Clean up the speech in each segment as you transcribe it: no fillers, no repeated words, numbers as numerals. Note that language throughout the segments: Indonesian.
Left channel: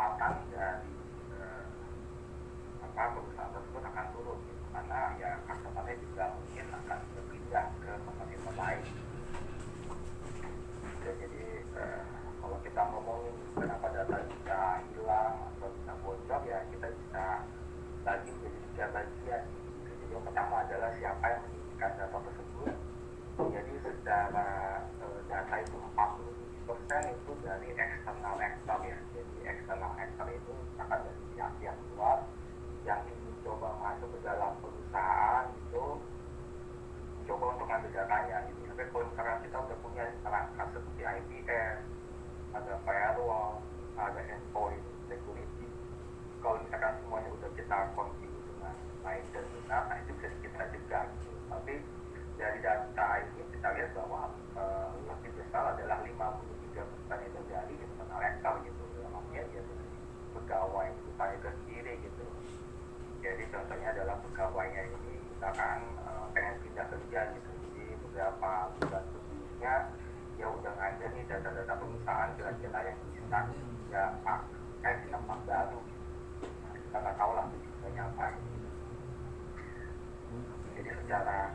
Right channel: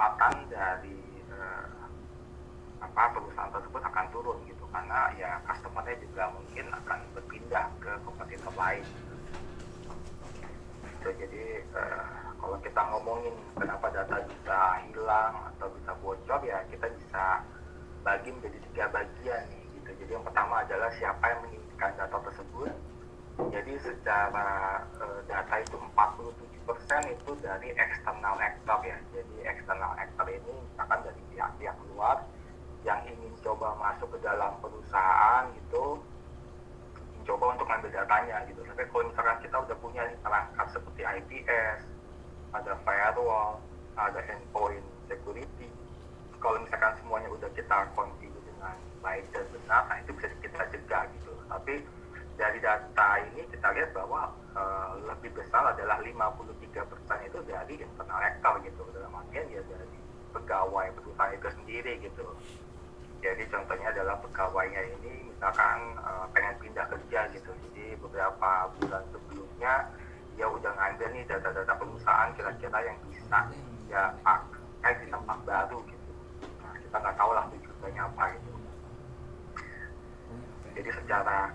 pendapatan dari perusahaan tersebut akan turun gitu, karena ya customer-nya juga mungkin akan berpindah ke kompetitor lain. Jadi kalau kita ngomongin kenapa data bisa hilang atau bisa bocor, ya kita bisa bagi menjadi 3 bagian gitu. Jadi yang pertama adalah siapa yang mengirimkan data tersebut. Jadi secara data itu 47% itu dari external actor ya. Jadi external actor ini misalkan dari pihak-pihak luar yang ingin coba masuk ke dalam perusahaan gitu, coba untuk ngambil datanya gitu. Tapi kalau misalkan kita udah punya perangkat seperti IPS, ada firewall, ada endpoint security, kalau misalkan semuanya udah kita configure dengan baik dan benar, nah itu bisa kita cegah gitu. Tapi dari data ini kita lihat bahwa lebih besar adalah 53% itu dari internal actor gitu, dalam artian ya dari pegawai perusahaan itu sendiri gitu. Jadi contohnya adalah pegawainya ini misalkan pengen pindah kerja gitu, jadi beberapa bulan sebelumnya dia udah ngambil nih data-data perusahaan kira-kira yang bisa ya pakai di tempat baru gitu. Nah, kita nggak tahu lah tujuannya apa gitu. Jadi secara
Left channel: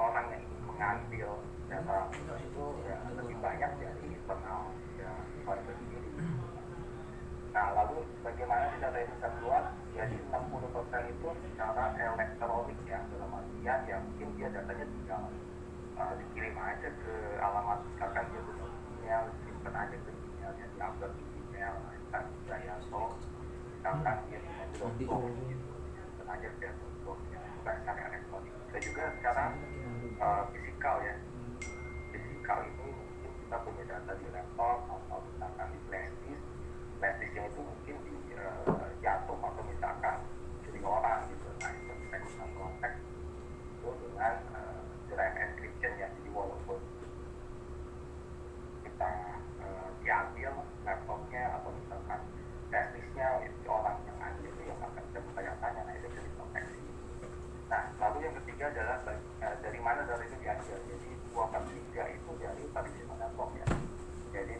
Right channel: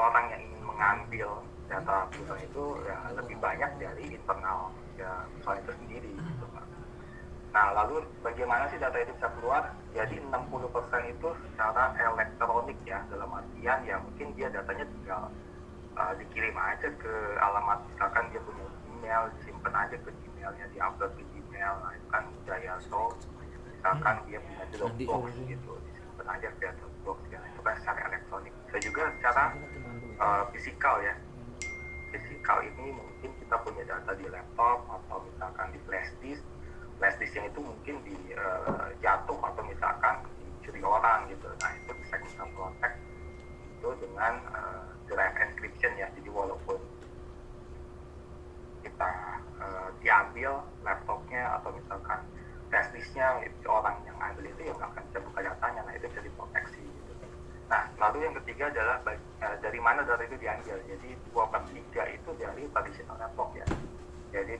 orang yang ingin mengambil data perusahaan itu ya lebih banyak dari internal ya perusahaan itu sendiri gitu. Nah, lalu bagaimana sih data itu bisa keluar? Jadi 60% itu secara elektronik ya, dalam artian ya mungkin dia datanya tinggal dikirim aja ke alamat, misalkan dia punya email, disimpan aja ke emailnya, diupload ke email, nah itu kan Jayato, misalkan dia punya Dropbox gitu, disimpan aja ke Dropbox ya, itu kan secara elektronik. Bisa juga secara fisikal ya, fisikal ini mungkin kita punya data di laptop atau misalkan di flash disk yang itu mungkin jatuh atau misalkan dicuri orang gitu. Nah itu bisa kita protect itu dengan drive encryption ya. Jadi walaupun kita diambil laptopnya atau misalkan flash disknya, orang yang ambil itu yang akan bisa buka datanya, nah itu bisa diproteksi. Nah lalu yang ketiga adalah dari mana data itu diambil. Jadi 2/3 itu dari traditional network ya. Jadi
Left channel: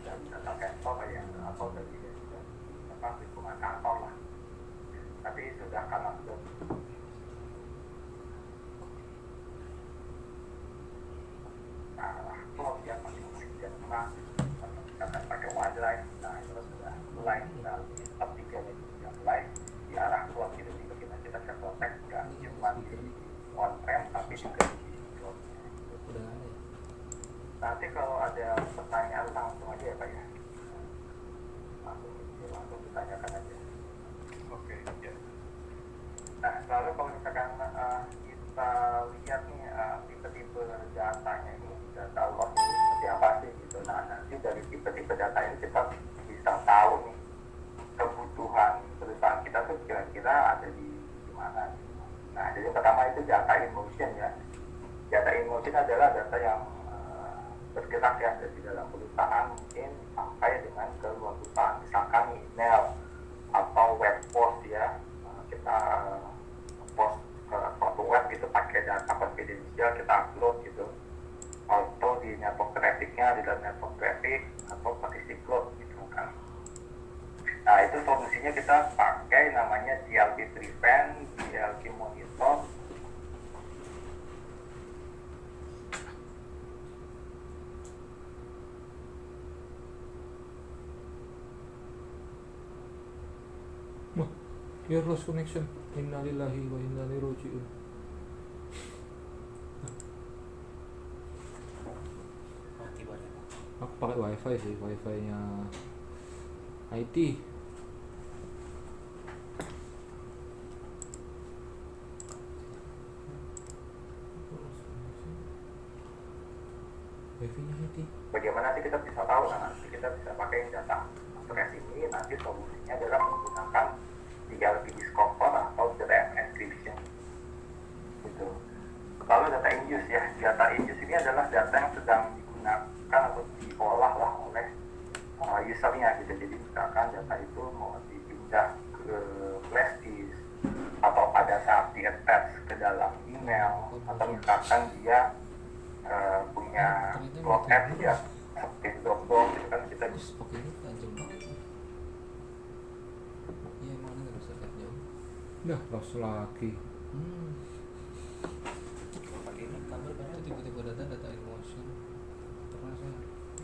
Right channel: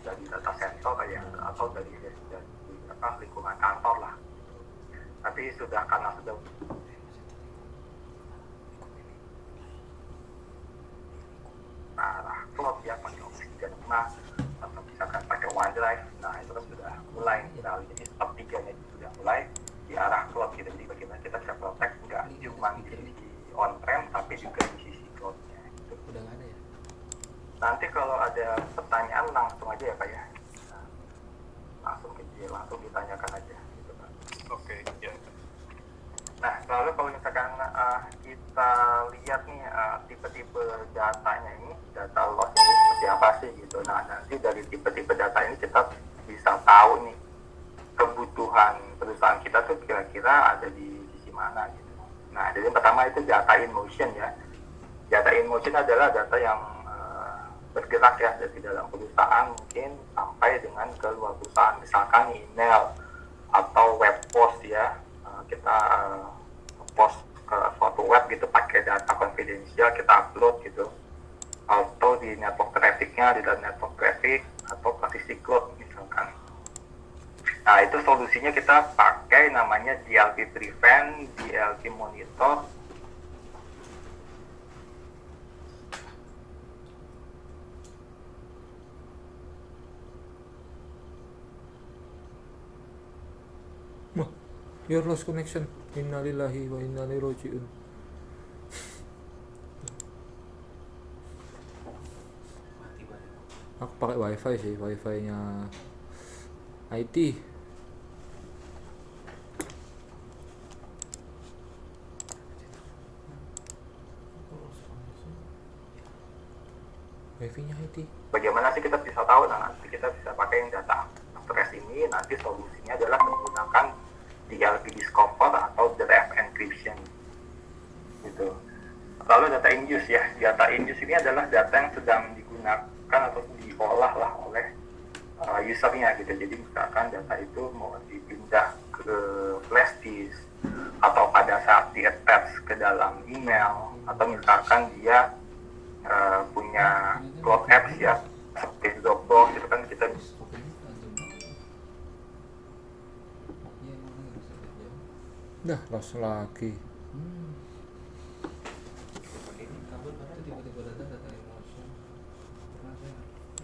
dari data center ya, atau dari lingkungan kantor lah. Tapi karena sudah cloud ya, pakai Office 365 atau misalkan pakai OneDrive, nah itu kan sudah mulai. Nah jadi sepertiganya itu sudah mulai di arah cloud gitu. Jadi kita bisa protect nggak cuma di sisi on-prem tapi juga di sisi cloud-nya gitu. Udah nggak ada ya? Nanti kalau ada pertanyaan langsung aja ya Pak ya, langsung ditanyakan aja gitu, Pak. Oke, ya. Nah lalu kalau misalkan kita lihat nih tipe-tipe datanya ini, data loss ini seperti apa sih gitu. Nah nanti dari tipe-tipe data ini kita bisa tahu nih kebutuhan perusahaan kita tuh kira-kira ada di sisi mana gitu. Nah jadi pertama itu data in motion ya. Data in motion adalah data yang bergerak ya dari dalam perusahaan mungkin sampai dengan ke luar perusahaan, misalkan email atau web post ya, kita post ke suatu web gitu pakai data confidential, kita upload gitu, atau di network trafficnya di dalam network traffic atau partisi cloud misalkan. Nah itu solusinya kita pakai namanya DLP Prevent, DLP Monitor. Your lost connection. Innalillahi wa inna ilaihi raji'un. Mati banget. Aku pakai wifi sih, wifi nya IT. Wifi nya IT. Bagaimana sih kita bisa tahu? Nah nanti kita bisa pakai yang data trace ini, nanti solusinya adalah menggunakan DLP Discover atau Drive Encryption gitu. Lalu data in use ya, data in use ini adalah data yang sedang digunakan atau diolah lah oleh usernya gitu. Jadi misalkan data itu mau dipindah ke flash disk atau pada saat di-attach ke dalam email, atau misalkan dia punya cloud apps ya seperti Dropbox, itu kan kita Dah lost lagi. Pakai ini kabel Itu banyak. tiba-tiba data emotion. Termasuk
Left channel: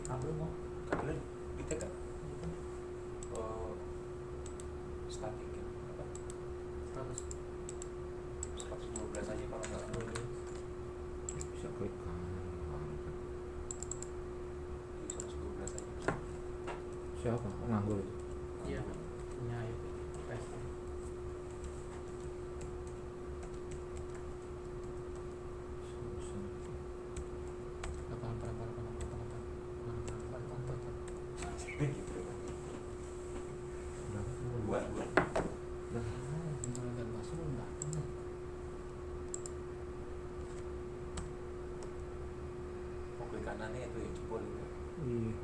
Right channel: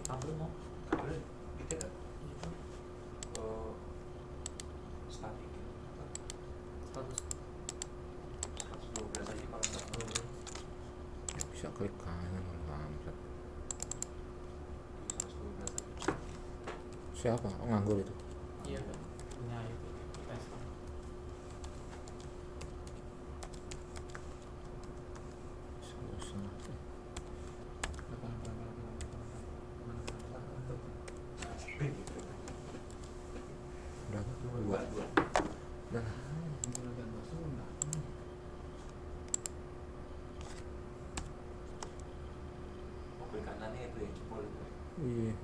kabel mau Kabel kita kan. Statik ya. 112 aja kalau nggak salah. Bisa klik kanan mantap. Di 112 aja. Siapa? Oh, nganggur itu. iya punya itu tes Udah. Dua. Dah. Oh, klik kanannya itu ya jempol itu. Iya.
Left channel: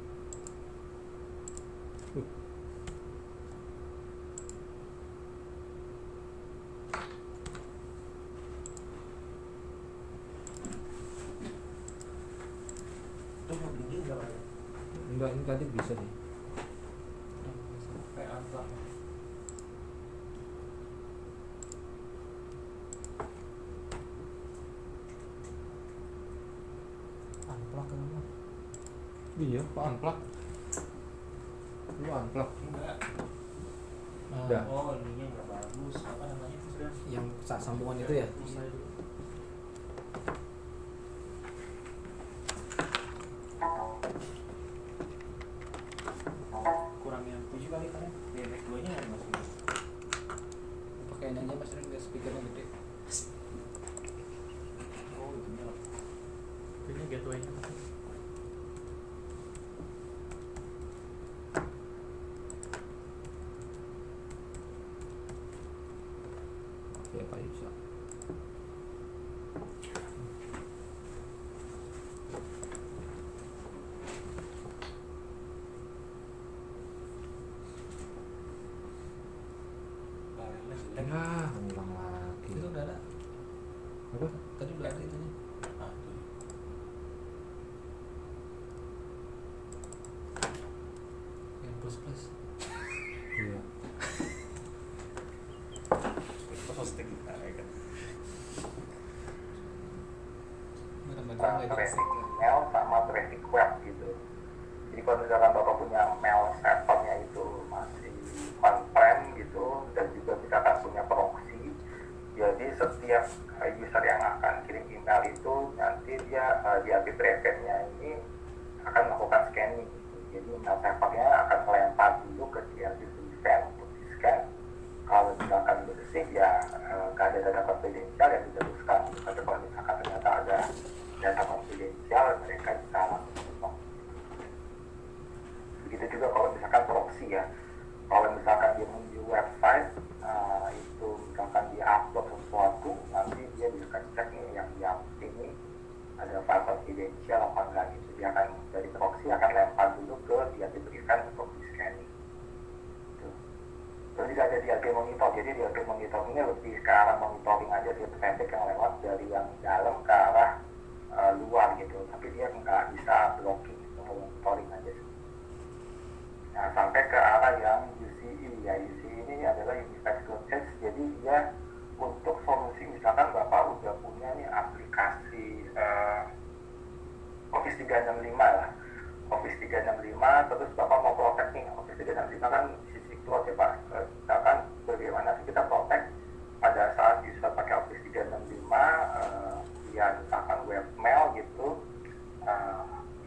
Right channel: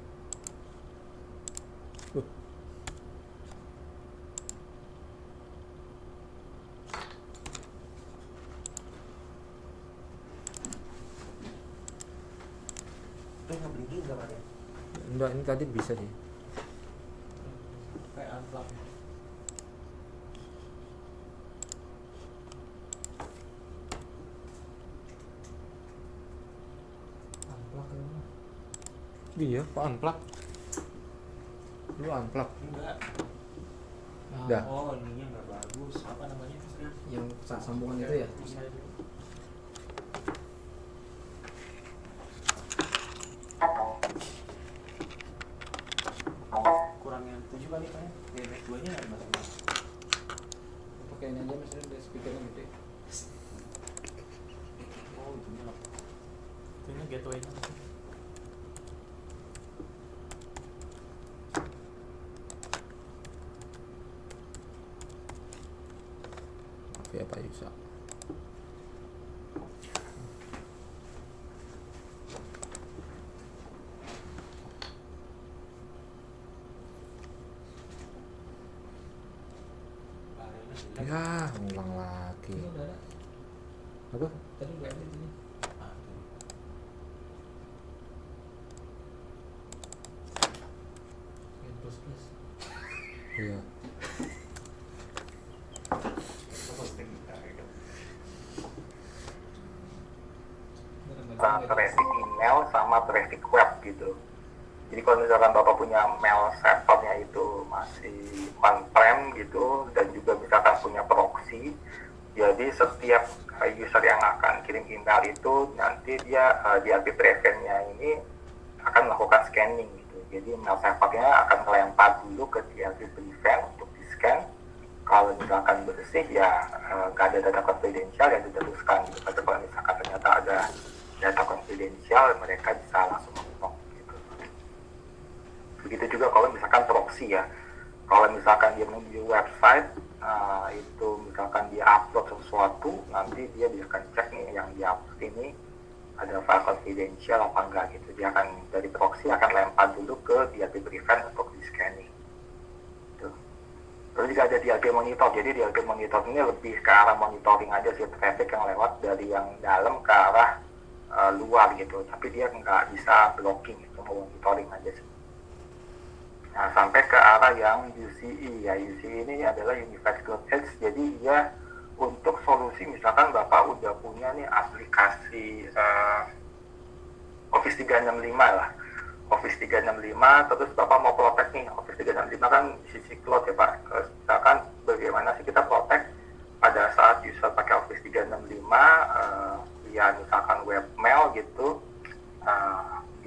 Itu mau tinggi nggak Pak? Enggak, ini tadi bisa sih. kayak amplak amplak kan Iya, kok unplug? Lu unplug. Enggak. Dah. Oh, ininya nggak bagus. Apa namanya? yang sambungan itu ya Kurang yang 7 kali kan? WMS 2 nya nggak masuk. pakai ini aja mas dari speaker yang gede. Oh, itunya lah. ini gateway-nya Tapi apa bisa? Barangnya Ya, ngulang lagi. Itu udah ada. Apa? Tadi udah ada itu. Ah, tuh. Yang plus. Iya. Itu hosting. Nah, ya kan. Traffic email sama traffic web gitu. Jadi kalau misalkan Bapak punya mail servernya itu masih on-prem gitu dan juga misalkan punya proxy, jadi setiap user yang akan kirim email itu nanti dia di IP prevent-nya ini akan melakukan scanning gitu. Jadi mail servernya akan melempar dulu ke DLP prevent untuk di-scan. Kalau misalkan bersih ya nggak ada data konfidensial yang diteruskan gitu. Tapi kalau misalkan ternyata ada data konfidensial mereka bisa langsung mengelola gitu. Begitu juga kalau misalkan proxy ya, kalau misalkan dia di website itu misalkan dia upload sesuatu, nanti dia akan cek nih yang dia upload ini ada file confidential apa enggak gitu. Dia akan dari proxy akan lempar dulu ke DLP prevent untuk di scanning gitu. Terus juga ada DLP monitor, jadi DLP monitor ini lebih ke arah monitoring aja sih traffic yang lewat dari yang dalam ke arah luar gitu, tapi dia nggak bisa blocking gitu, monitoring aja sih. Nah, sampai ke arah yang UCE ya, UCE ini adalah Unified Cloud Edge. Jadi dia untuk solusi misalkan Bapak udah punya nih aplikasi Office 365 lah, Office 365, terus Bapak mau protect nih Office 365 kan sisi cloud ya Pak. Misalkan bagaimana sih kita protect pada saat user pakai Office 365 dia misalkan webmail gitu,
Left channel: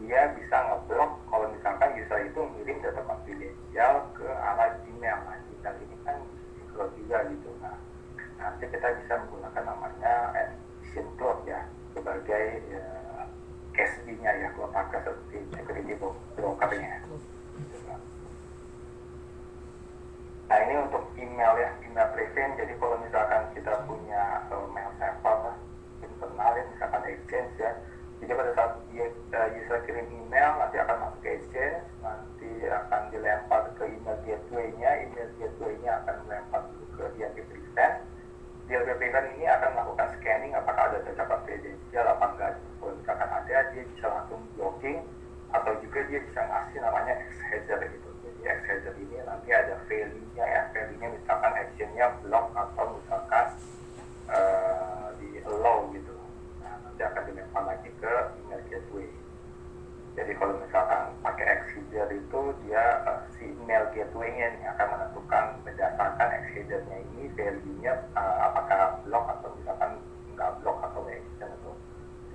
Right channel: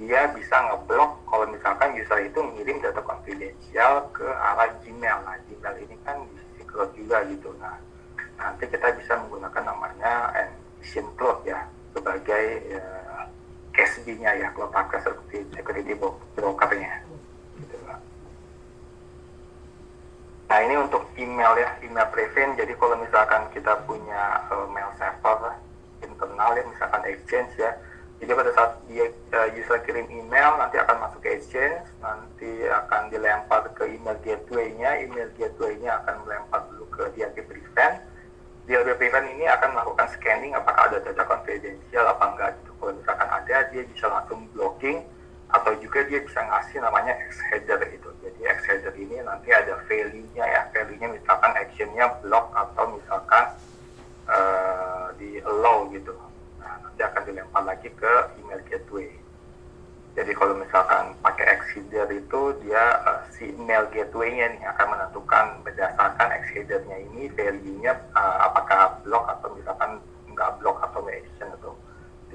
dia bisa ngeblok kalau misalkan user itu ngirim data konfidensial ke arah Gmail. Nah, Gmail ini kan di sisi cloud juga gitu. Nah, nanti kita bisa menggunakan namanya Envision Cloud ya sebagai CASB-nya ya, Cloud Access Security Broker-nya. Gitu, Pak. Nah, ini untuk email ya, email prevent. Jadi kalau misalkan kita punya mail server internal ya, misalkan Exchange ya, jadi pada saat dia user kirim email nanti akan masuk ke Exchange, nanti akan dilempar ke email gateway-nya akan melempar dulu ke DLP prevent. DLP prevent ini akan melakukan scanning apakah ada data konfidensial apa enggak gitu. Kalau misalkan ada, dia bisa langsung blocking atau juga dia bisa ngasih namanya X header gitu. Jadi X header ini nanti ada value-nya ya, value-nya misalkan action-nya block atau misalkan kalau misalkan pakai Exceeder itu dia si email gateway-nya nih akan menentukan berdasarkan Exceeder-nya ini value-nya apakah block atau misalkan nggak block atau action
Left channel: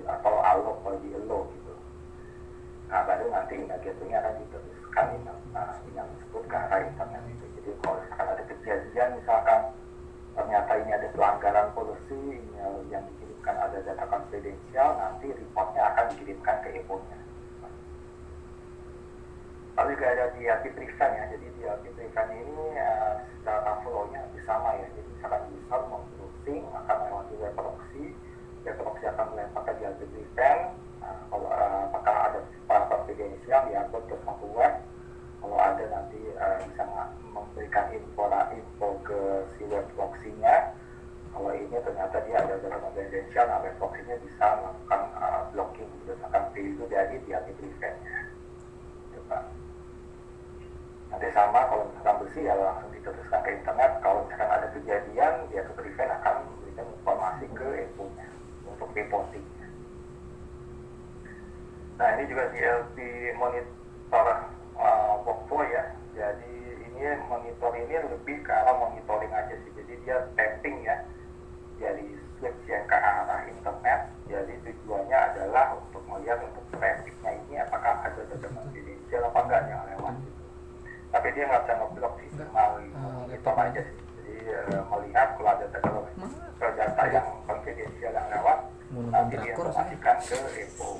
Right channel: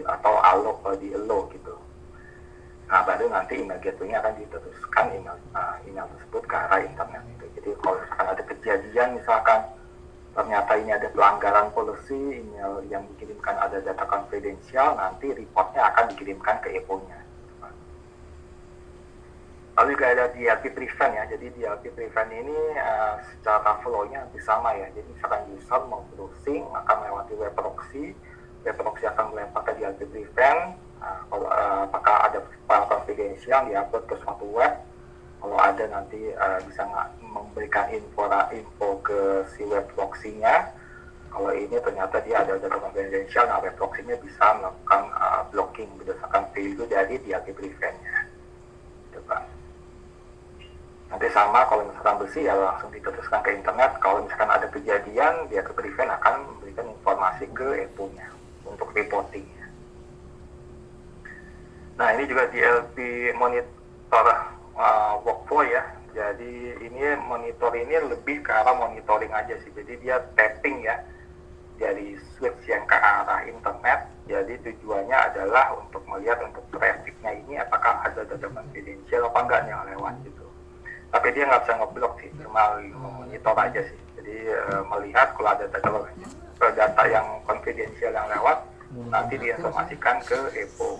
atau allow kalau di allow gitu. Nah baru nanti email gateway-nya akan diteruskan email tersebut ke arah internet itu. Jadi kalau misalkan ada kejadian misalkan ternyata ini ada pelanggaran policy, email yang dikirimkan ada data konfidensial, nanti reportnya akan dikirimkan ke EPO-nya. Lalu juga ada DLP prevent ya, jadi DLP prevent ini secara flow-nya hampir sama ya. Jadi misalkan user mau browsing akan melewati web proxy akan melempar ke DLP prevent. Kalau apakah ada file confidential diupload ke suatu web, kalau ada nanti bisa memberikan info ke si web proxy-nya. Kalau ini ternyata dia ada data confidential, nah web proxy-nya bisa melakukan blocking berdasarkan value dari DLP prevent-nya. Gitu kan. Nanti sama kalau misalkan bersih ya langsung diteruskan ke internet. Kalau misalkan ada kejadian, dia ke prevent akan memberikan informasi ke EPO-nya untuk reporting-nya. Nah ini juga DLP monitor workflow ya. Jadi ini monitor ini lebih ke arah monitoring aja sih. Jadi dia tapping ya dari switch yang ke arah internet. Jadi tujuannya adalah untuk melihat untuk trafficnya ini apakah ada data confidential apa enggak yang lewat gitu. Tapi dia nggak bisa ngeblok sih, cuma monitor aja sih. Jadi melihat kalau ada data yang confidential yang lewat, nanti diinformasikan ke EPO.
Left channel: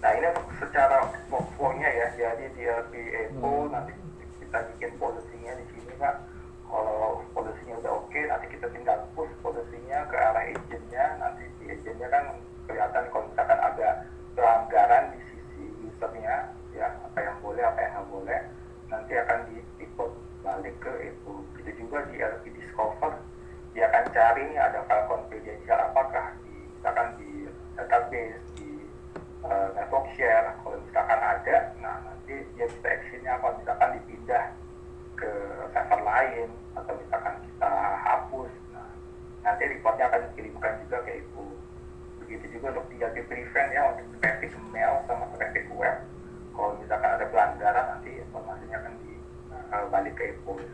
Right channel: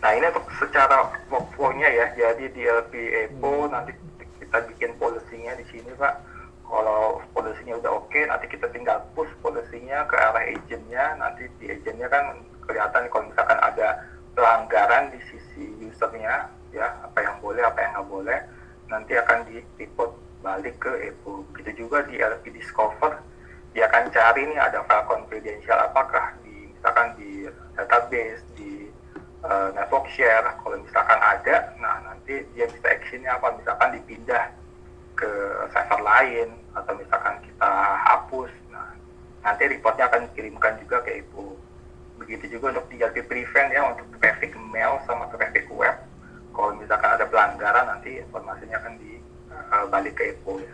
Nah ini untuk secara workflow-nya ya, jadi DLP EPO nanti kita bikin policy-nya di sini Pak. Kalau policy-nya udah oke, nanti kita tinggal push policy-nya ke arah agent-nya. Nanti di agent-nya kan kelihatan kalau misalkan ada pelanggaran di sisi user-nya, ya apa yang boleh, apa yang nggak boleh, nanti akan di-report balik ke EPO. Begitu juga di DLP Discover, dia akan cari nih ada file confidential apakah misalkan di database, di network share. Kalau misalkan ada, nah nanti dia bisa actionnya apa, misalkan dipindah ke server lain atau misalkan kita hapus, nah nanti reportnya akan dikirimkan juga ke EPO. Begitu juga untuk DLP prevent ya, untuk traffic mail sama traffic web. Kalau misalkan ada pelanggaran, nanti informasinya akan dibalik ke EPO ya.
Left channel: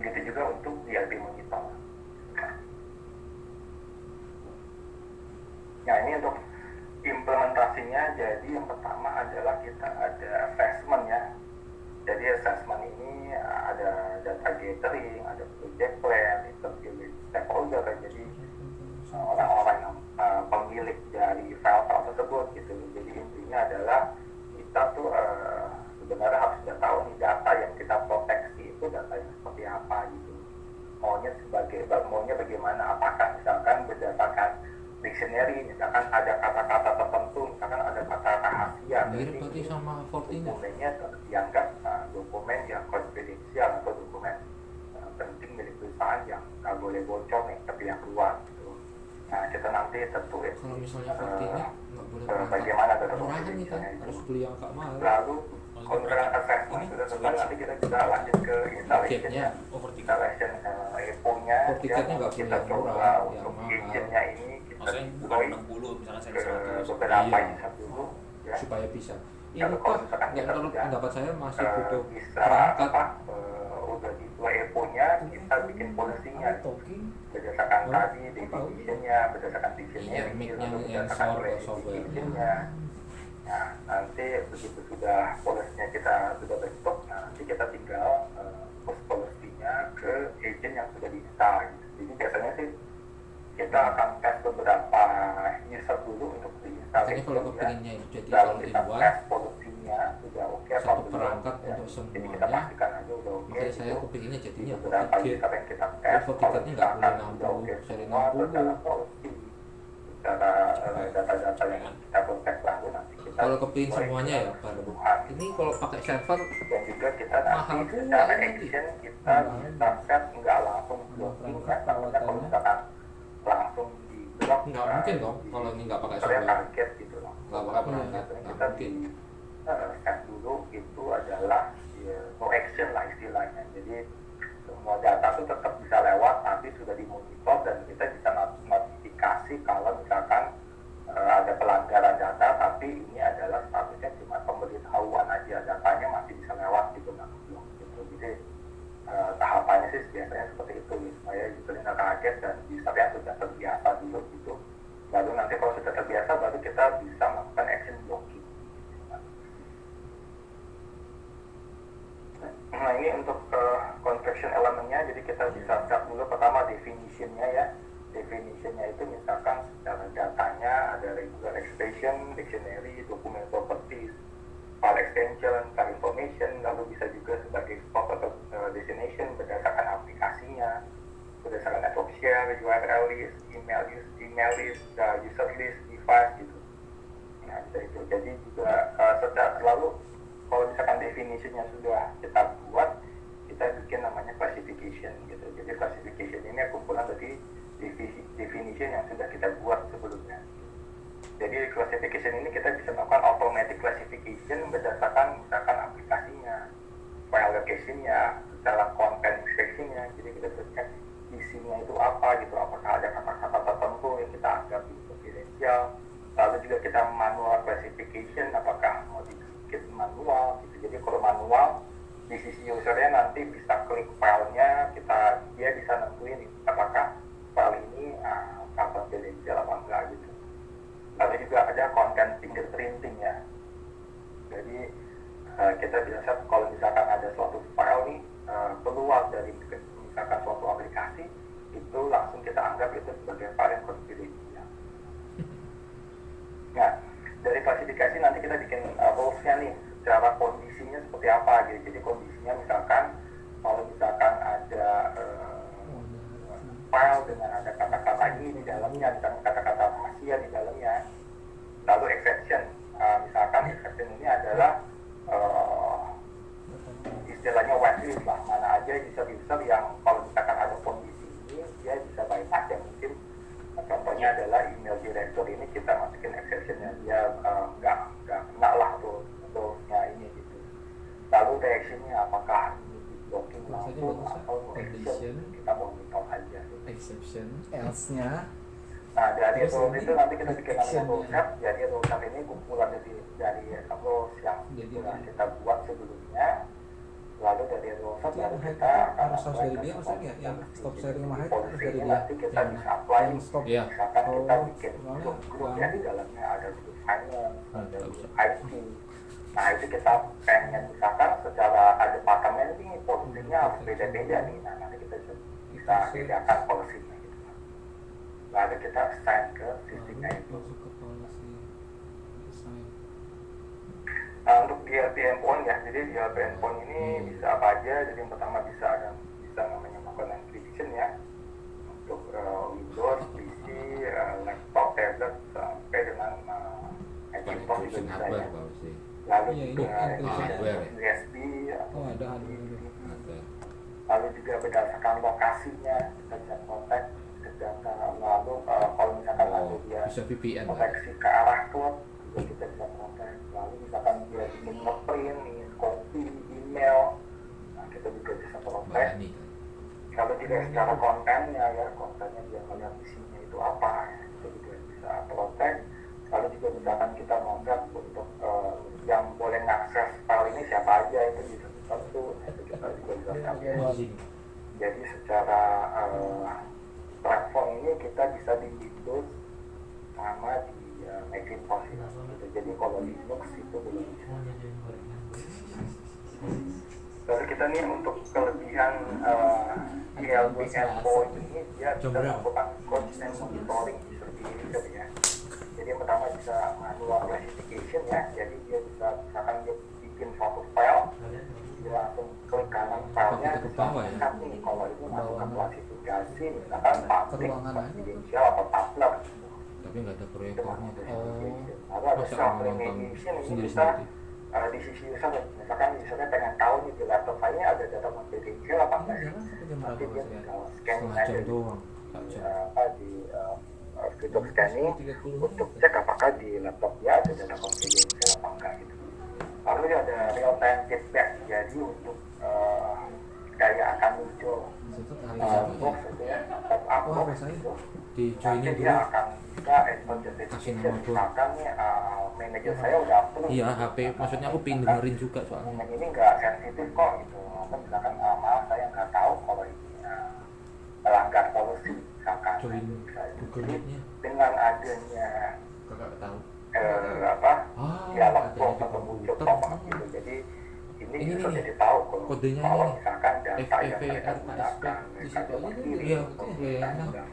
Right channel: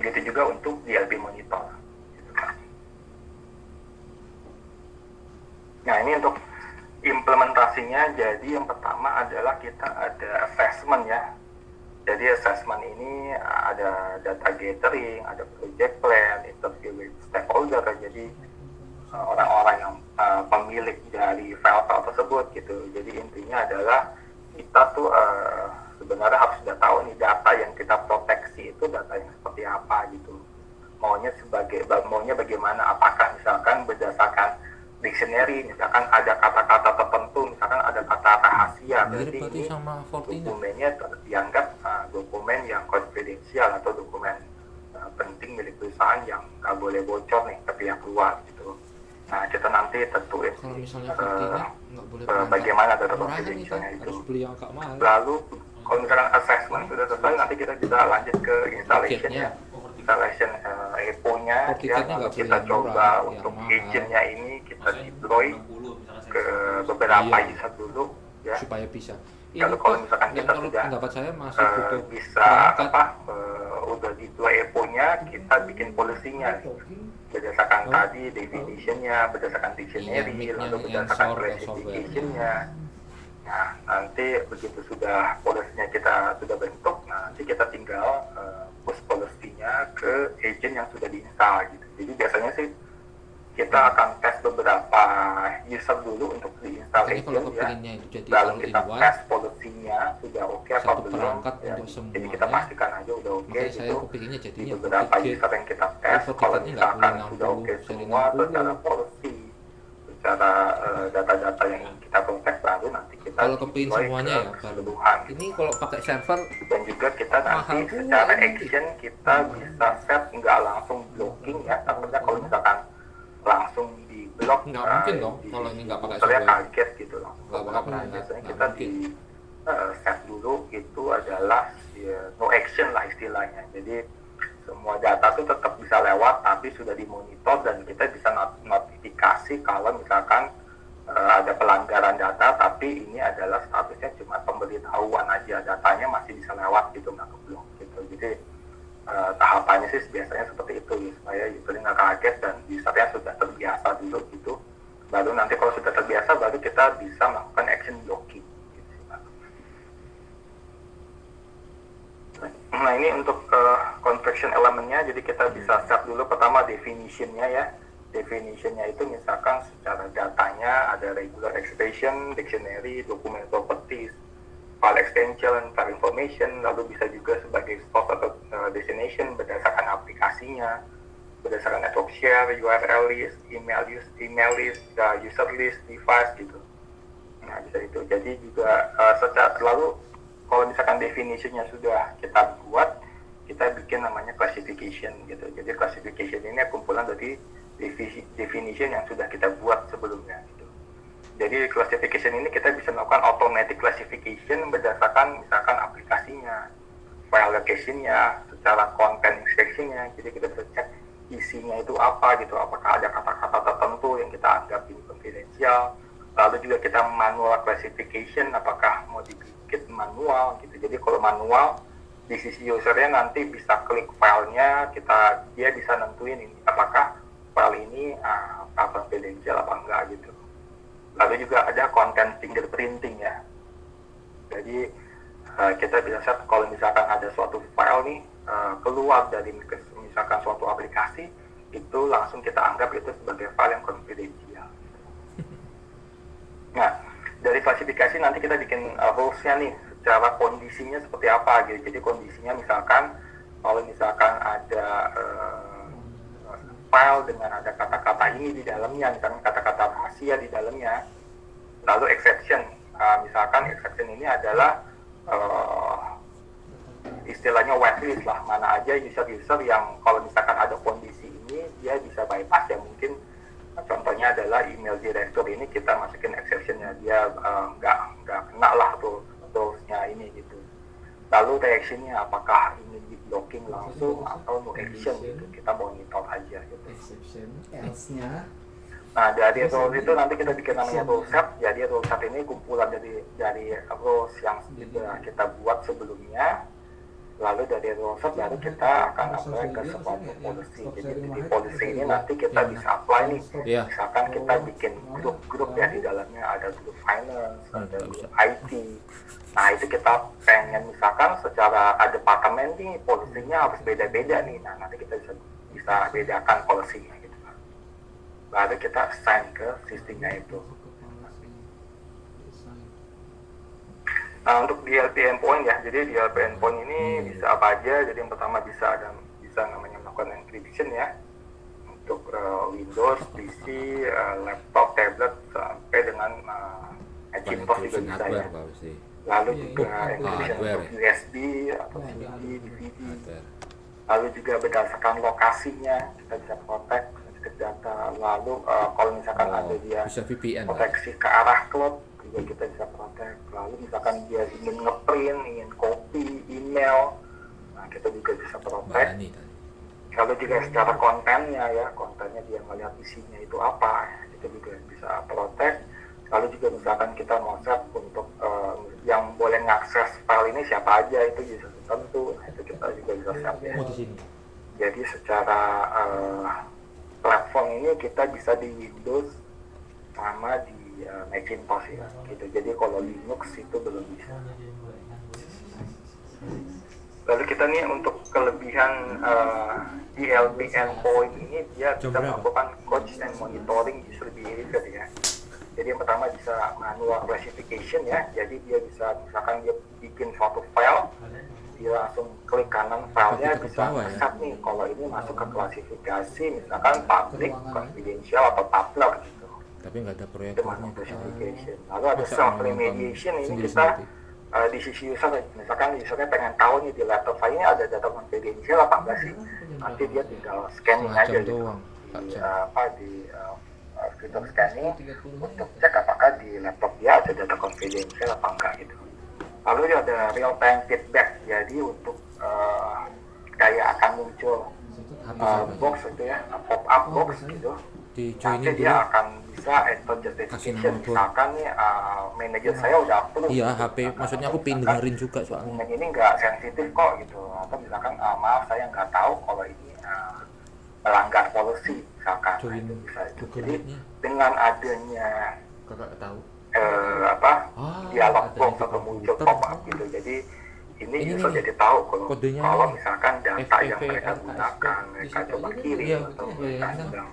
Begitu juga untuk DLP monitor. Nah ini untuk implementasinya, jadi yang pertama adalah kita ada assessment ya. Jadi assessment ini ada data gathering, ada project plan, interview with stakeholder. Jadi orang-orang yang pemilik dari file-file tersebut gitu. Jadi intinya adalah kita tuh sebenarnya harus sudah tahu nih data yang kita proteksi itu data yang seperti apa gitu. Maunya bagaimana? Apakah misalkan berdasarkan dictionary, misalkan ada kata-kata tertentu, misalkan ada kata rahasia, berarti ini dokumennya dianggap dokumen yang konfidensial atau dokumen penting milik perusahaan yang nggak boleh bocor nih ke pihak luar gitu. Nah kita nanti tentuin bagaimana data confidentialnya itu. Lalu kalau misalkan assessment sudah selesai, nanti kita bisa lanjut ke installation ya. Installation EPO-nya ya, kita coba untuk agent-nya ini kita deploy ke beberapa user dulu ya. Supaya bisa. Kalau misalkan kita sudah bisa udah deploy EPO-nya, kita bikin policy-nya berdasarkan tadi definition-nya, berdasarkan dictionary, lalu berdasarkan classification-nya. Nah, nanti begitu sudah policy-nya kita sudah bentuk, nanti kita tinggal push policy-nya ke agent yang sudah diinstal gitu. Jadi biasanya sih kita akan tes beberapa user dulu untuk diinstal agent ya. Lalu kita tes policy-nya sudah oke apa belum ya. Jadi kita pastikan aja udah oke gitu. Di beberapa user yang kita tes, kalau misalkan sudah oke semua secara policy, secara data-data yang kita protect, baru nanti kita kalau kepingin semuanya ya keseluruhan. ini kalau pakai server Dan juga kita nanti secara action kita bisa set nggak langsung blocking ya, takutnya kalau misalkan langsung di blok nggak mungkin dong kalau ini nggak pakai saya server. kaget gitu loh. Nah, biasanya kita di set dulu itu adalah ya, no action lah istilahnya. Jadi semua data itu tetap bisa lewat, tapi sudah dimonitor dan kita bisa notifikasi kalau misalkan ada pelanggaran pelanggaran data, tapi ini adalah statusnya cuma pemberitahuan aja, datanya masih bisa lewat gitu, nggak keblok gitu. Jadi tahapannya sih biasanya seperti itu ya, supaya usernya nggak kaget dan usernya sudah terbiasa dulu gitu. Baru nanti kalau sudah terbiasa, baru kita bisa melakukan action blocking. Nah ini untuk configuration elemennya, jadi kita bisa set dulu pertama definitionnya ya. Definitionnya itu misalkan secara datanya ada regular expression, dictionary, document properties, file extension, file information, lalu bisa juga sebagai source atau destination berdasarkan aplikasinya, berdasarkan network share, URL list, email list, user list, device gitu. Nah bisa itu. Jadi juga secara selalu kalau misalkan definitionnya sudah kita buat, kita bikin namanya classification gitu. Jadi classification ini kumpulan dari definition yang sudah kita buat sebelumnya gitu. Jadi classification ini kita bisa melakukan automatic classification berdasarkan misalkan aplikasinya, file location-nya, secara content inspection-nya. Jadi kita bisa cek isinya itu apa gitu, apakah ada kata-kata tertentu yang kita anggap ini confidential. Lalu juga kita manual classification, apakah mau dibikin manual gitu. Jadi kalau manual di sisi usernya nanti bisa klik filenya, dia bisa nentuin ini apakah file ini confidential apa enggak gitu. Lalu juga ada content fingerprinting ya. Jadi kita bisa set kalau misalkan ada suatu file nih keluar dari misalkan suatu aplikasi, itu langsung kita anggap itu sebagai file yang confidential. Nah, dari klasifikasi nanti kita bikin rules-nya nih, secara kondisinya seperti apa gitu. Jadi kondisinya misalkan kalau misalkan ada file dengan ada kata-kata ini di dalamnya, misalkan kata-kata rahasia di dalamnya, lalu exception, misalkan exception ini adalah istilahnya whitelist lah, mana aja user-user yang kalau misalkan ada kondisi ini dia bisa bypass ya, mungkin contohnya adalah email director ini kita masukin exceptionnya, dia nggak kena lah tuh-nya ini gitu. Lalu reaksinya apakah ini di blocking langsung atau no action gitu, kita monitor aja gitu. Exception, else-nya. Nah dari rules itu nanti kita bikin namanya rule set. Jadi rule set ini kumpulan dari rules yang sudah kita buat sebelumnya. Lalu dari rule set baru kita akan apply ke sebuah policy. Jadi di policy ini nanti kita bisa apply nih. Misalkan kita bikin grup-grup ya, di dalamnya ada grup finance, ada grup IT. Nah itu kita pengen misalkan secara departemen nih polisinya harus beda-beda nih. Nah nanti kita bisa bedakan polisinya gitu. Lalu kita assign ke sistemnya itu. Nah untuk DLP endpoint ya, jadi DLP endpoint ini bisa apa aja. Jadi yang pertama bisa namanya melakukan encryption ya, untuk Windows, PC, laptop, tablet sampai dengan Macintosh juga bisa ya. Lalu juga encryption untuk USB atau DVD. Lalu juga berdasarkan lokasinya kita bisa protect data. Lalu kalau misalkan ada dia bisa VPN proteksi ke arah cloud juga kita bisa protect. Lalu misalkan dia ingin ngeprint, ingin copy email, nah kita juga bisa protect. Kalau juga secara kontennya ya, kontennya dia melihat isinya itu apa ya, kita juga bisa protect. Lalu juga misalkan kita mau set untuk yang boleh mengakses file ini siapa aja, itu bisa tertentu, itu kita juga bisa set ya. Jadi secara platform ini kita bisa di Windows sama di Macintosh ya gitu. Jadi kalau Linux itu belum bisa. Lalu kita nih untuk kelebihan DLP endpoint ini, dia bisa melakukan coach and monitoring user behavior ya. Jadi yang pertama bisa manual classification ya. Jadi dia bisa misalkan dia bikin suatu file, dia langsung klik kanan filenya bisa set nih kalau ini masuk ke klasifikasi misalkan public, confidential atau public gitu. Tapi nggak ada Itu manual proyektornya. classification. Lalu ada self remediation ini kita di sisi user, misalkan usernya pengen tahu nih di laptop saya ini ada data confidential apa enggak sih, nanti dia tinggal scanning aja gitu di fitur scanning untuk cek apakah di laptop dia ada data confidential apa enggak gitu. Lalu ada real time feedback, jadi untuk kayak akan muncul box itu ya, pop up box gitu, nanti dia akan bisa bisa enter Kasih justification. nama gua. Misalkan nih manajer saya udah approve. Iya, gitu. HP Misalkan, maksudnya atau aku pengen misalkan, dengerin juga soalnya. dokumen ini nggak sensitif kok gitu, atau misalkan maaf saya nggak tahu kalau ini melanggar policy misalkan. Join Bisa itu. Google Jadi Meet-nya. dengan adanya Kakak tahu. dialog ada box di atau muncul komputer. pop up gitu, jadi ini Ini bisa nih, jadi tahu kodenya kalau ini. misalkan data yang FFP, mereka LSP, gunakan mereka di coba situ. kirim Iya, atau iya, mereka iya. sedang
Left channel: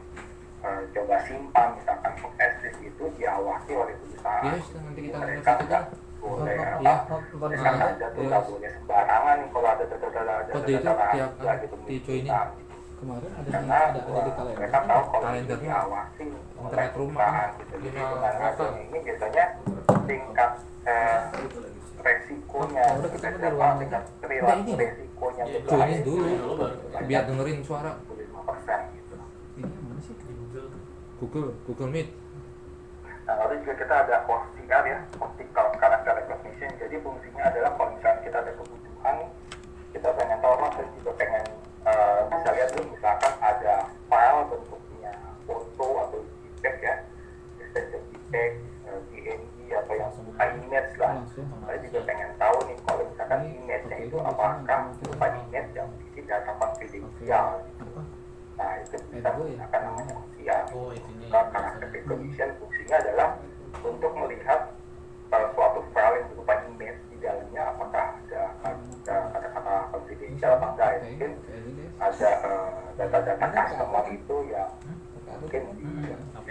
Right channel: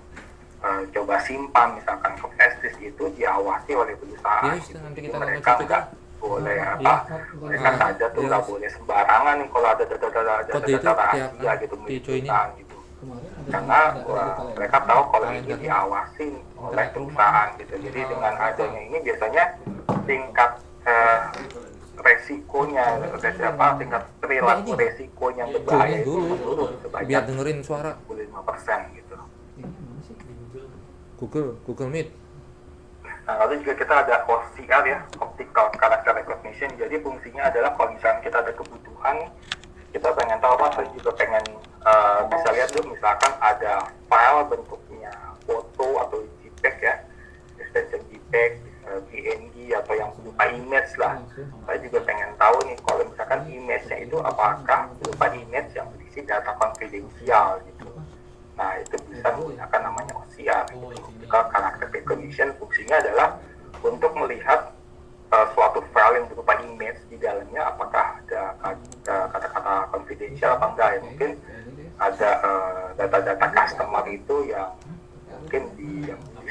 coba simpan misalkan ke festis itu diawasi oleh perusahaan Yes, gitu. nanti Jadi kita mereka lanjut nggak juga. boleh Iya. apa Bukan mereka Nah, saja tuh yes. nggak boleh sembarangan nih kalau ada data-data Kode itu rahasia tiap gitu di joinin. perusahaan gitu. Kemarin ada Karena mereka tahu kalau ini Kalendernya. diawasi oleh Internet rumah. perusahaan gitu. Jadi Rumah dengan apa? adanya ini biasanya tingkat resikonya gitu, tingkat perilaku ini. resikonya Iya, berbahaya joinin itu dulu. menurun Biar sebanyak dengerin suara 25% gitu. ini mana sih? Di Google. Google Meet. Nah, lalu juga kita ada OCR ya, Optical Character Recognition. Jadi fungsinya adalah kalau misalnya kita ada kebutuhan, kita pengen tahu apa, saya juga pengen bisa lihat dulu misalkan ada file bentuknya foto atau JPEG ya, extension JPEG, PNG atau yang berupa image lah. Saya juga pengen tahu nih kalau misalkan image-nya itu apakah berupa image yang berisi data konfidensial gitu. Nah, itu bisa menggunakan namanya OCR. Optical Character Recognition fungsinya adalah untuk melihat suatu file yang berupa image di dalamnya apakah ada kata-kata konfidensial apa enggak ya. Mungkin ada data-data customer itu yang mungkin di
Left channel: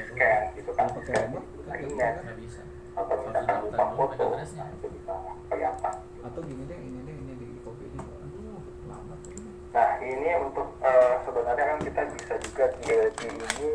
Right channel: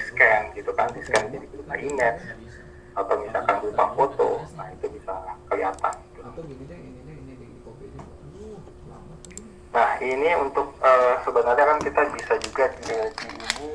scan gitu kan, di scan jadi berupa image atau misalkan berupa foto. Nah, itu bisa kelihatan gitu. Atau gini deh, ini di copy deh. Aduh, lama. Nah, ini untuk sebenarnya kan kita bisa juga di ini